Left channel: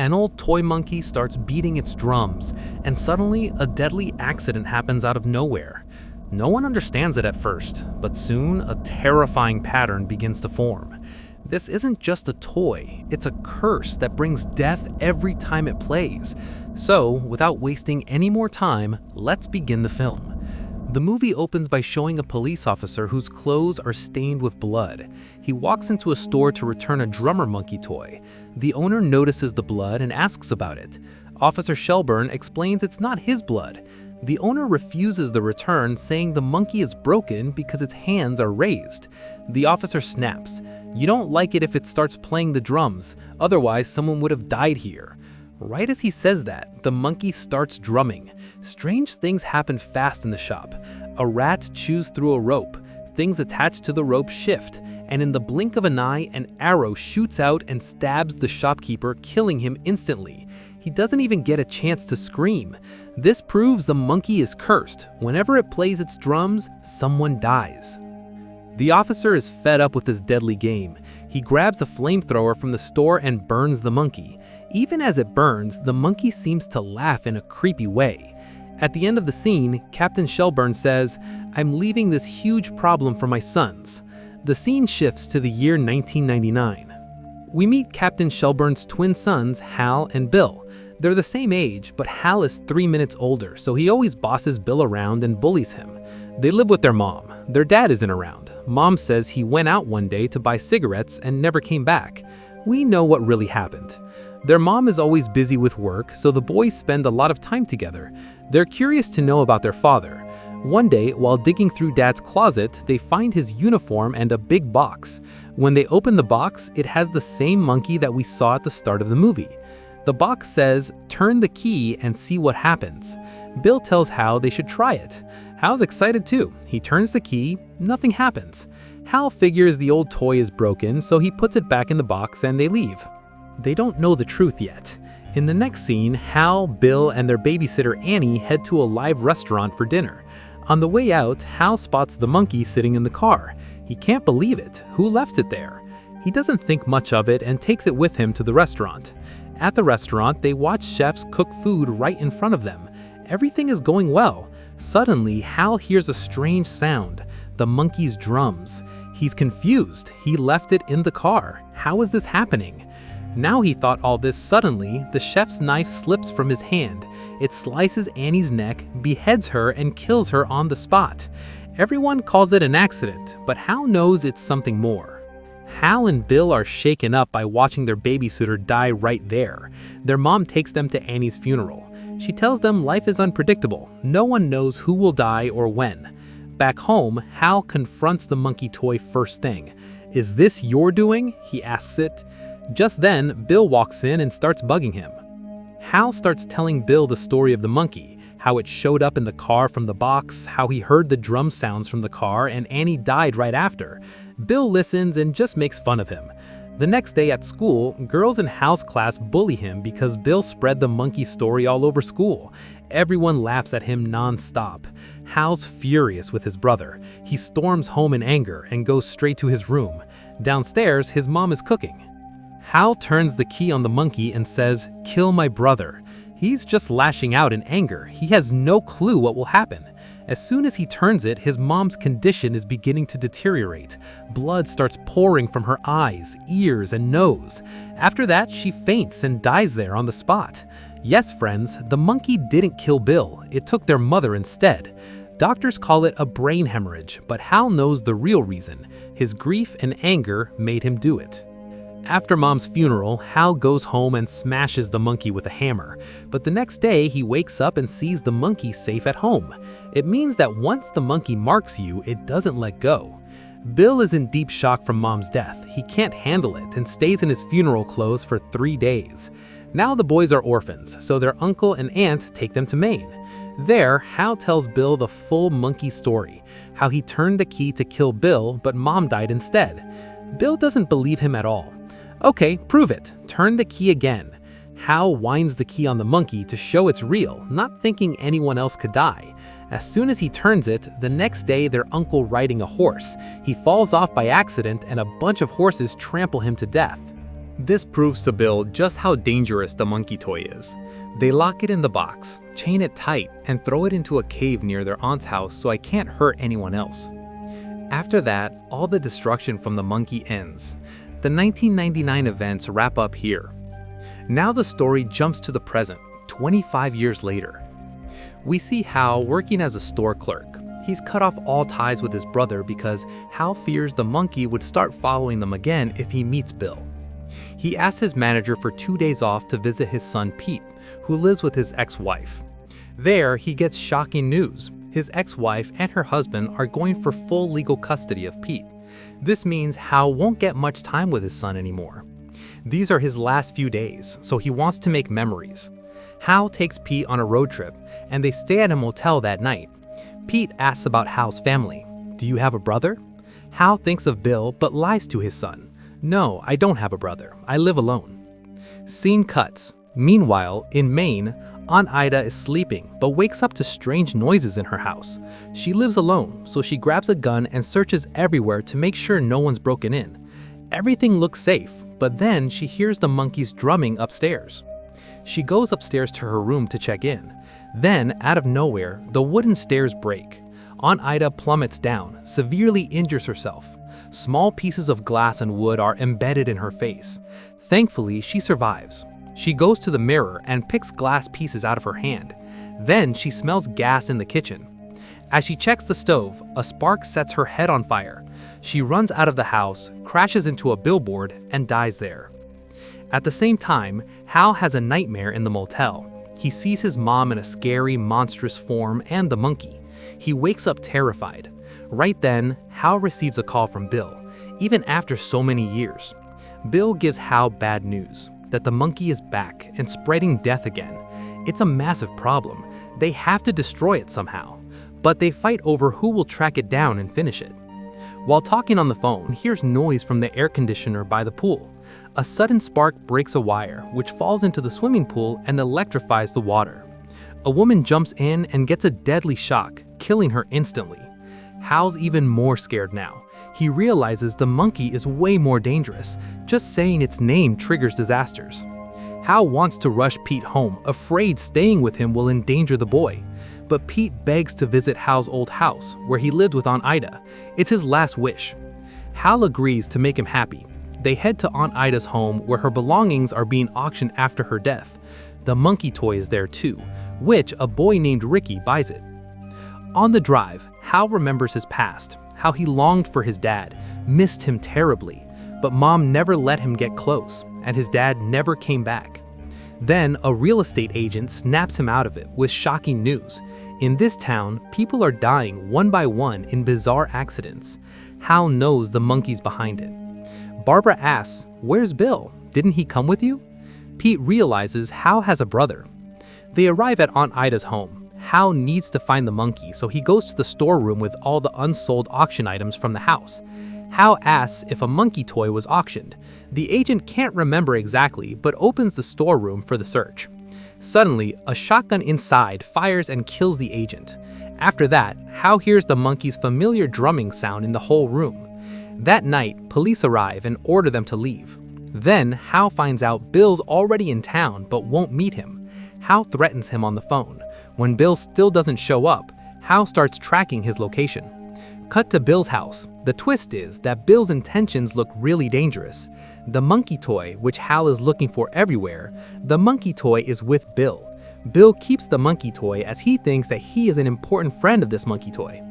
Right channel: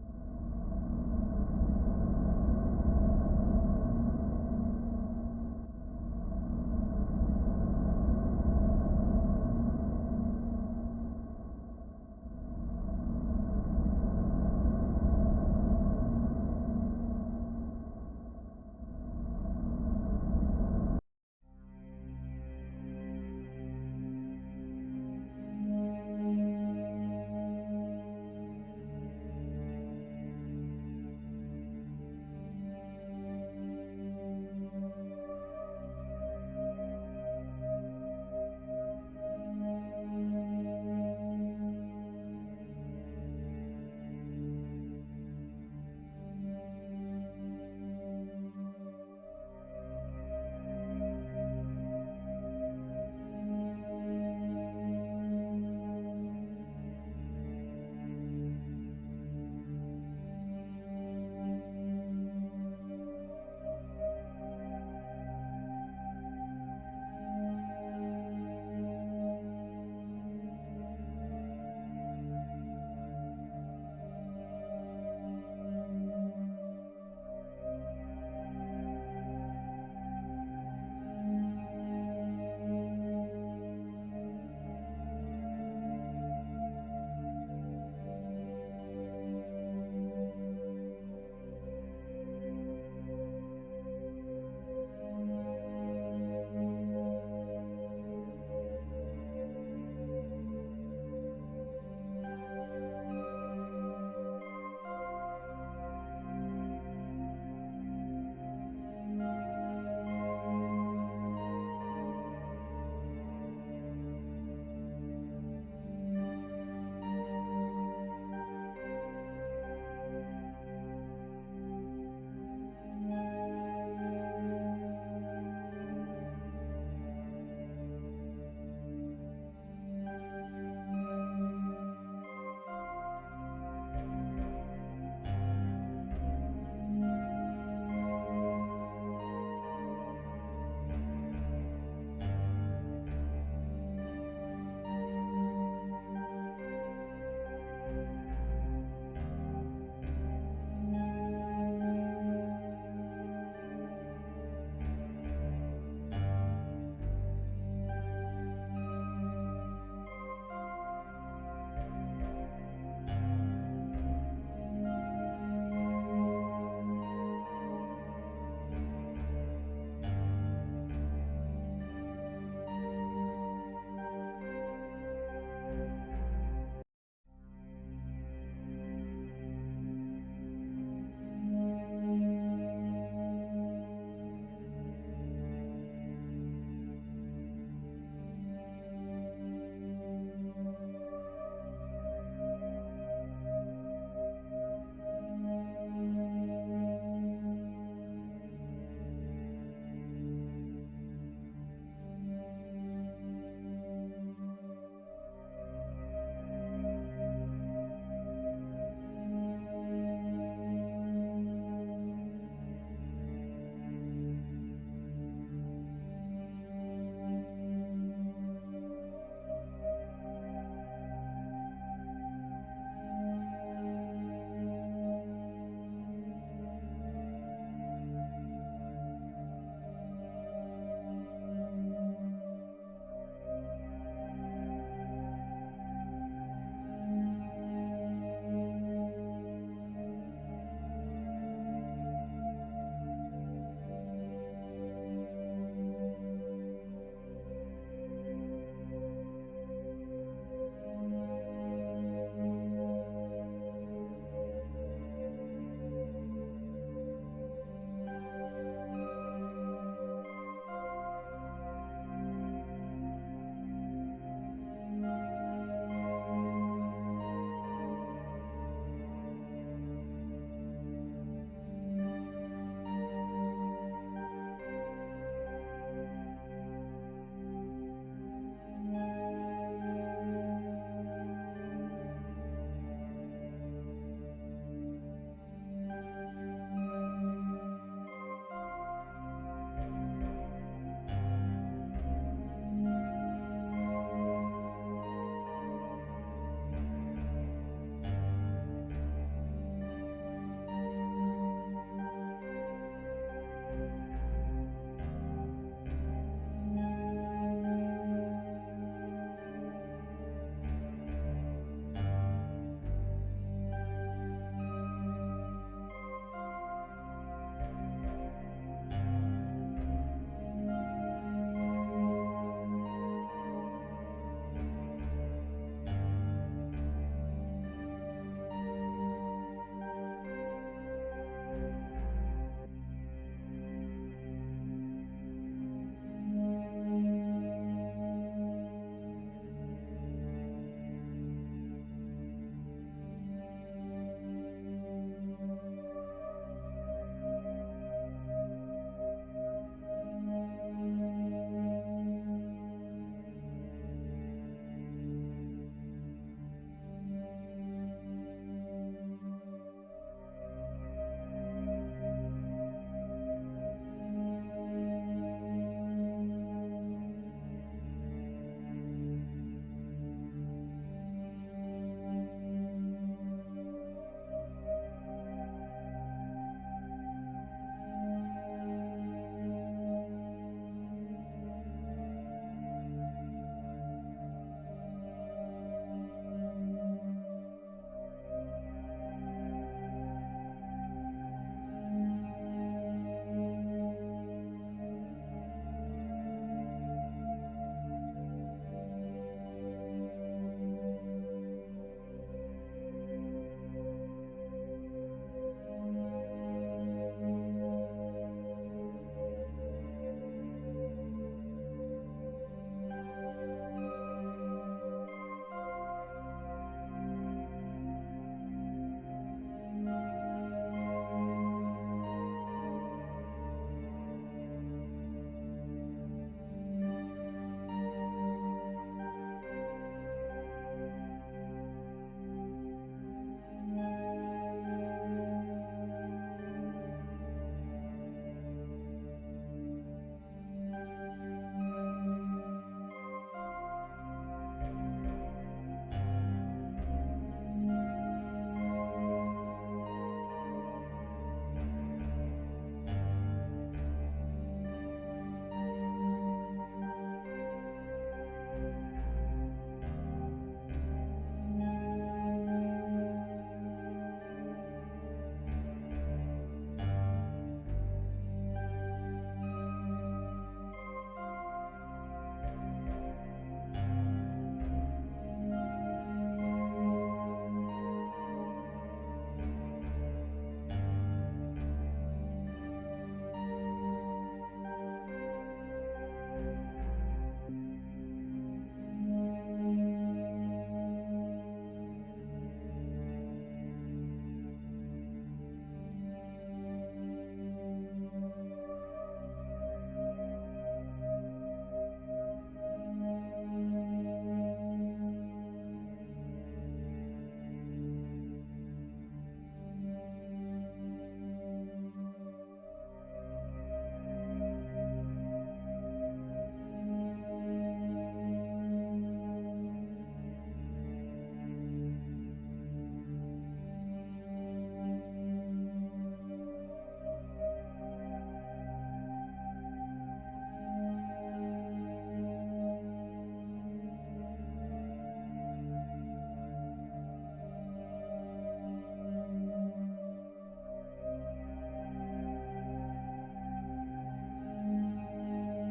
An old toy monkey starts beating its drums, and suddenly a deadly accident happens out of nowhere. No one understands it at first, but soon a terrifying pattern begins to form. This isn't just a toy, it's a curse that brings death every time it plays. So, without wasting any more time, let's begin the film. The movie opens by showing a police officer whose clothes are stained with blood. He walks into a store to return a drummer monkey toy. The owner notices the blood and asks about it. Officer Shelburne explains it's not his blood. The owner refuses the return, saying the monkey is broken because its hands are raised. The officer snaps. "You don't like it if it starts playing the drums, otherwise someone would have died here." Right as he says that, the monkey starts drumming. Strange things happen fast in the shop. A rat chews through a rope, things attached to the rope shift, and in the blink of an eye, an arrow shoots out and stabs the shopkeeper, killing him instantly. He doesn't even get a chance to scream. This proves the monkey is cursed. Whenever it plays its drums, someone dies. The officer is fed up with this deadly game. He grabs a flamethrower from the store and burns the monkey. Even as it burns, the monkey seems to laugh in a creepy way. At the end of the scene, Captain Shelburne says, "I'm leaving this huge problem for my sons." The scene shifts to the year 1999. We meet Captain Shelburne's twin sons, Hal and Bill. They're the same age, but Hal is 3 minutes older, so he always bosses Bill around and bullies him. They live with their mom. Their dad isn't around. Mom says he went out one day to buy cigarettes and never came back. We know what really happened. Their mom is always busy with work, so the boys spend a lot of time together. They're curious to know about their father. One day, while digging through Dad's closet, they find his uniform and a big box. When they open the box, it has the same monkey that we saw at the start of the movie. The box says, "Turn the key and see what happens." Bill tells Hal they should try it. Hal's excited too. He turns the key, nothing happens. Hal figures the old toy is broken, so he puts it back in the box and they leave. They don't know the truth yet. In the next scene, Hal, Bill, and their babysitter Annie head to a live restaurant for dinner. On the way out, Hal spots the monkey sitting in the car. He can't believe it. Who left it there? He doesn't think much of it and takes it with him to the restaurant. At the restaurant, they watch chefs cook food right in front of them. Everything is going well. Suddenly, Hal hears a strange sound, the monkey's drums. He's confused. He left it in the car. How is this happening? Now he thought all this suddenly, the chef's knife slips from his hand. It slices Annie's neck, beheads her, and kills her on the spot. Everyone calls it an accident, but Hal knows it's something more. Hal and Bill are shaken up by watching their babysitter die right there. Their mom takes them to Annie's funeral. She tells them life is unpredictable. No one knows who will die or when. Back home, Hal confronts the monkey toy first thing. "Is this your doing?" he asks it. Just then, Bill walks in and starts bugging him. Hal starts telling Bill the story of the monkey, how it showed up in the car from the box, how he heard the drum sounds from the car, and Annie died right after. Bill listens and just makes fun of him. The next day at school, girls in Hal's class bully him because Bill spread the monkey story all over school. Everyone laughs at him non-stop. Hal's furious with his brother. He storms home in anger and goes straight to his room. Downstairs, his mom is cooking. Hal turns the key on the monkey and says, "Kill my brother." He's just lashing out in anger. He has no clue what will happen. As soon as he turns it, his mom's condition is beginning to deteriorate. Blood starts pouring from her eyes, ears, and nose. After that, she faints and dies there on the spot. Yes, friends, the monkey didn't kill Bill. It took their mother instead. Doctors call it a brain hemorrhage, but Hal knows the real reason. His grief and anger made him do it. After Mom's funeral, Hal goes home and smashes the monkey with a hammer. But the next day, he wakes up and sees the monkey safe at home. It means that once the monkey marks you, it doesn't let go. Bill is in deep shock from Mom's death. He can't handle it and stays in his funeral clothes for 3 days. Now the boys are orphans, so their uncle and aunt take them to Maine. There, Hal tells Bill the full monkey story, how he turned the key to kill Bill, but Mom died instead. Bill doesn't believe him at all. "Okay, prove it. Turn the key again." Hal winds the key on the monkey to show it's real, not thinking anyone else could die. As soon as he turns it, the next day their uncle riding a horse. He falls off by accident and a bunch of horses trample him to death. This proves to Bill just how dangerous the monkey toy is. They lock it in the box, chain it tight, and throw it into a cave near their aunt's house so I can't hurt anyone else. After that, all the destruction from the monkey ends. The 1999 events wrap up here. Now the story jumps to the present, 25 years later. We see Hal working as a store clerk. He's cut off all ties with his brother because Hal fears the monkey would start following them again if he meets Bill. He asks his manager for 2 days off to visit his son Pete, who lives with his ex-wife. There, he gets shocking news. His ex-wife and her husband are going for full legal custody of Pete. This means Hal won't get much time with his son anymore. These are his last few days, so he wants to make memories. Hal takes Pete on a road trip, and they stay at a motel that night. Pete asks about Hal's family. "Do you have a brother?" Hal thinks of Bill, but lies to his son. "No, I don't have a brother. I live alone." Scene cuts. Meanwhile, in Maine, Aunt Ida is sleeping, but wakes up to strange noises in her house. She lives alone, so she grabs a gun and searches everywhere to make sure no one's broken in. Everything looks safe, but then she hears the monkeys drumming upstairs. She goes upstairs to her room to check in. Then, out of nowhere, the wooden stairs break. Aunt Ida plummets down, severely injures herself. Small pieces of glass and wood are embedded in her face. Thankfully, she survives. She goes to the mirror and picks glass pieces out of her hand. Then she smells gas in the kitchen. As she checks the stove, a spark sets her head on fire. She runs out of the house, crashes into a billboard, and dies there. At the same time, Hal has a nightmare in the motel. He sees his mom in a scary, monstrous form and the monkey. He wakes up terrified. Right then, Hal receives a call from Bill, even after so many years. Bill gives Hal bad news, that the monkey is back and spreading death again. It's a massive problem. They have to destroy it somehow, but they fight over who will track it down and finish it. While talking on the phone, he hears noise from the air conditioner by the pool. A sudden spark breaks a wire, which falls into the swimming pool and electrifies the water. A woman jumps in and gets a deadly shock, killing her instantly. Hal's even more scared now. He realizes the monkey is way more dangerous. Just saying its name triggers disasters. Hal wants to rush Pete home, afraid staying with him will endanger the boy. But Pete begs to visit Hal's old house, where he lived with Aunt Ida. It's his last wish. Hal agrees to make him happy. They head to Aunt Ida's home, where her belongings are being auctioned after her death. The monkey toy is there too, which a boy named Ricky buys it. On the drive, Hal remembers his past, how he longed for his dad, missed him terribly, but Mom never let him get close, and his dad never came back. Then a real estate agent snaps him out of it with shocking news. In this town, people are dying one by one in bizarre accidents. Hal knows the monkey's behind it. Barbara asks, "Where's Bill? Didn't he come with you?" Pete realizes Hal has a brother. They arrive at Aunt Ida's home. Hal needs to find the monkey, so he goes to the storeroom with all the unsold auction items from the house. Hal asks if a monkey toy was auctioned. The agent can't remember exactly, but opens the storeroom for the search. Suddenly, a shotgun inside fires and kills the agent. After that, Hal hears the monkey's familiar drumming sound in the whole room. That night, police arrive and order them to leave. Then, Hal finds out Bill's already in town but won't meet him. Hal threatens him on the phone. When Bill still doesn't show up, Hal starts tracking his location. Cut to Bill's house. The twist is that Bill's intentions look really dangerous. The monkey toy, which Hal is looking for everywhere, the monkey toy is with Bill. Bill keeps the monkey toy as he thinks that he is an important friend of this monkey toy.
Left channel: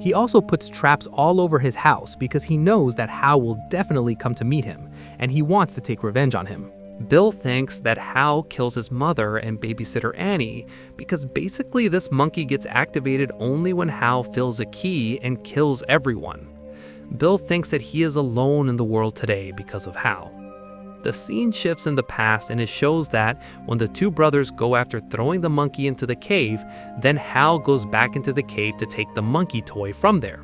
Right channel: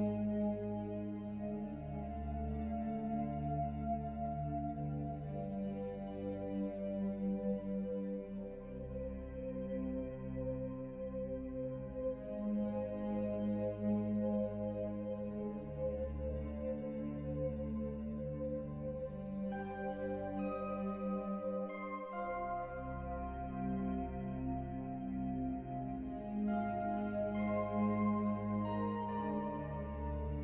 He also puts traps all over his house because he knows that Hal will definitely come to meet him, and he wants to take revenge on him. Bill thinks that Hal kills his mother and babysitter Annie because basically this monkey gets activated only when Hal fills a key and kills everyone. Bill thinks that he is alone in the world today because of Hal. The scene shifts in the past and it shows that when the two brothers go after throwing the monkey into the cave, then Hal goes back into the cave to take the monkey toy from there.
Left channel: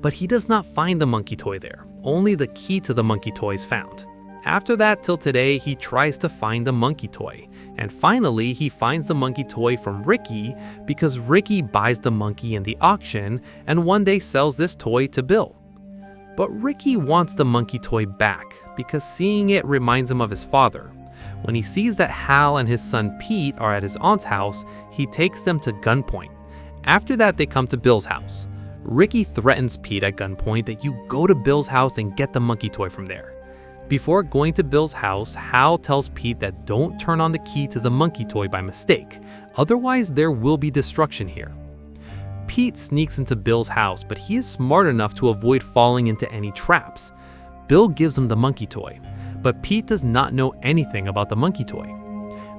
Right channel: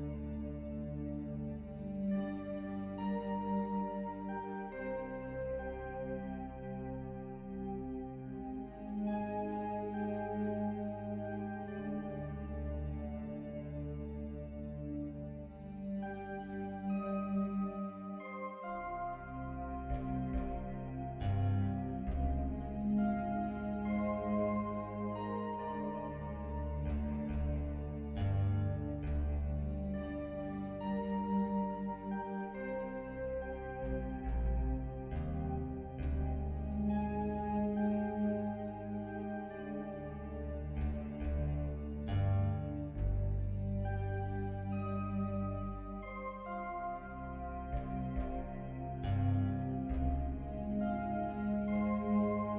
But he does not find the monkey toy there, only the key to the monkey toy is found. After that till today, he tries to find the monkey toy, and finally he finds the monkey toy from Ricky because Ricky buys the monkey in the auction and one day sells this toy to Bill. But Ricky wants the monkey toy back because seeing it reminds him of his father. When he sees that Hal and his son Pete are at his aunt's house, he takes them to gunpoint. After that, they come to Bill's house. Ricky threatens Pete at gunpoint that you go to Bill's house and get the monkey toy from there. Before going to Bill's house, Hal tells Pete that don't turn on the key to the monkey toy by mistake, otherwise there will be destruction here. Pete sneaks into Bill's house, but he is smart enough to avoid falling into any traps. Bill gives him the monkey toy, but Pete does not know anything about the monkey toy.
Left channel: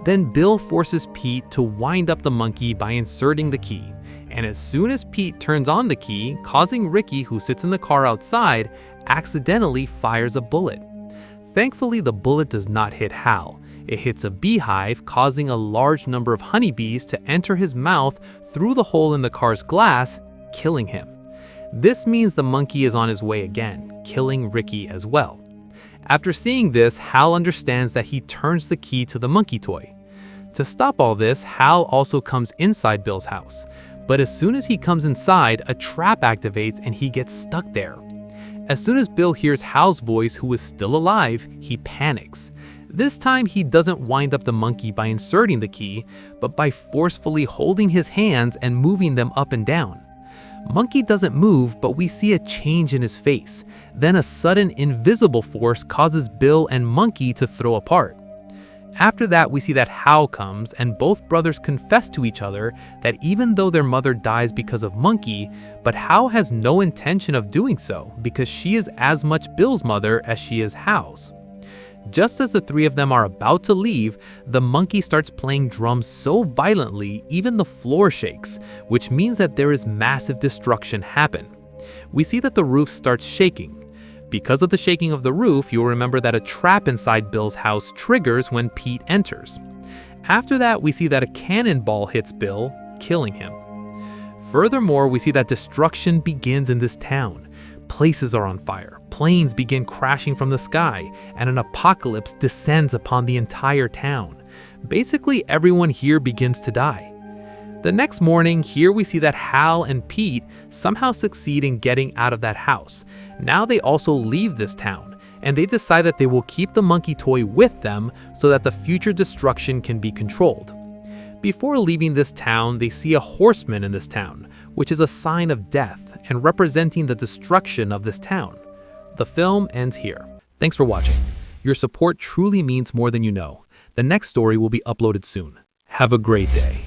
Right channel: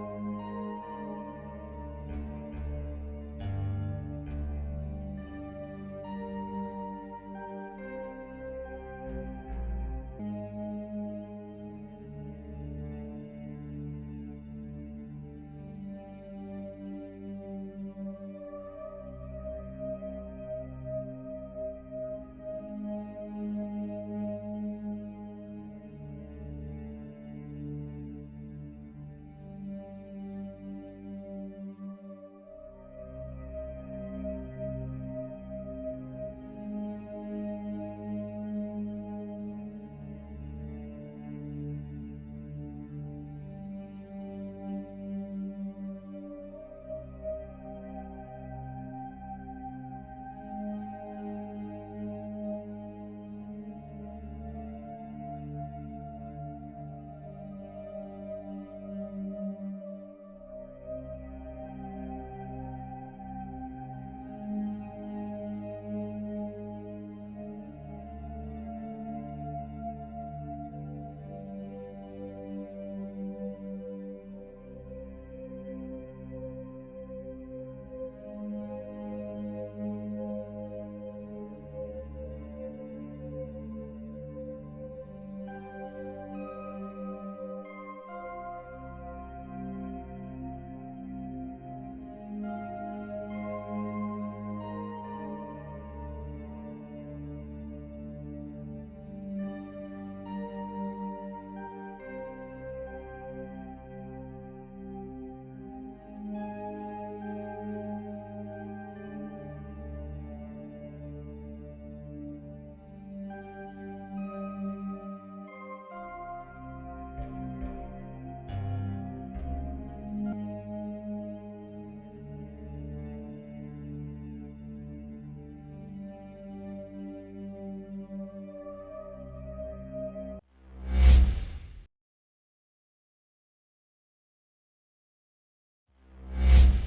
Then Bill forces Pete to wind up the monkey by inserting the key, and as soon as Pete turns on the key, causing Ricky, who sits in the car outside, accidentally fires a bullet. Thankfully, the bullet does not hit Hal. It hits a beehive, causing a large number of honeybees to enter his mouth through the hole in the car's glass, killing him. This means the monkey is on his way again, killing Ricky as well. After seeing this, Hal understands that he turns the key to the monkey toy. To stop all this, Hal also comes inside Bill's house. But as soon as he comes inside, a trap activates and he gets stuck there. As soon as Bill hears Hal's voice, who is still alive, he panics. This time he doesn't wind up the monkey by inserting the key, but by forcefully holding his hands and moving them up and down. Monkey doesn't move, but we see a change in his face. Then a sudden invisible force causes Bill and Monkey to throw apart. After that, we see that Hal comes, and both brothers confess to each other that even though their mother dies because of Monkey, but Hal has no intention of doing so because she is as much Bill's mother as she is Hal's. Just as the three of them are about to leave, the monkey starts playing drums so violently even the floor shakes, which means that there is massive destruction happen. We see that the roof starts shaking. Because of the shaking of the roof, you'll remember that a trap inside Bill's house triggers when Pete enters. After that, we see that a cannonball hits Bill, killing him. Furthermore, we see that destruction begins in this town. Places are on fire, planes begin crashing from the sky, and an apocalypse descends upon the entire town. Basically, everyone here begins to die. The next morning, here we see that Hal and Pete somehow succeed in getting out of that house. Now they also leave this town, and they decide that they will keep the monkey toy with them so that the future destruction can be controlled. Before leaving this town, they see a horseman in this town, which is a sign of death and representing the destruction of this town. The film ends here. Thanks for watching. Your support truly means more than you know. The next story will be uploaded soon. Have a great day.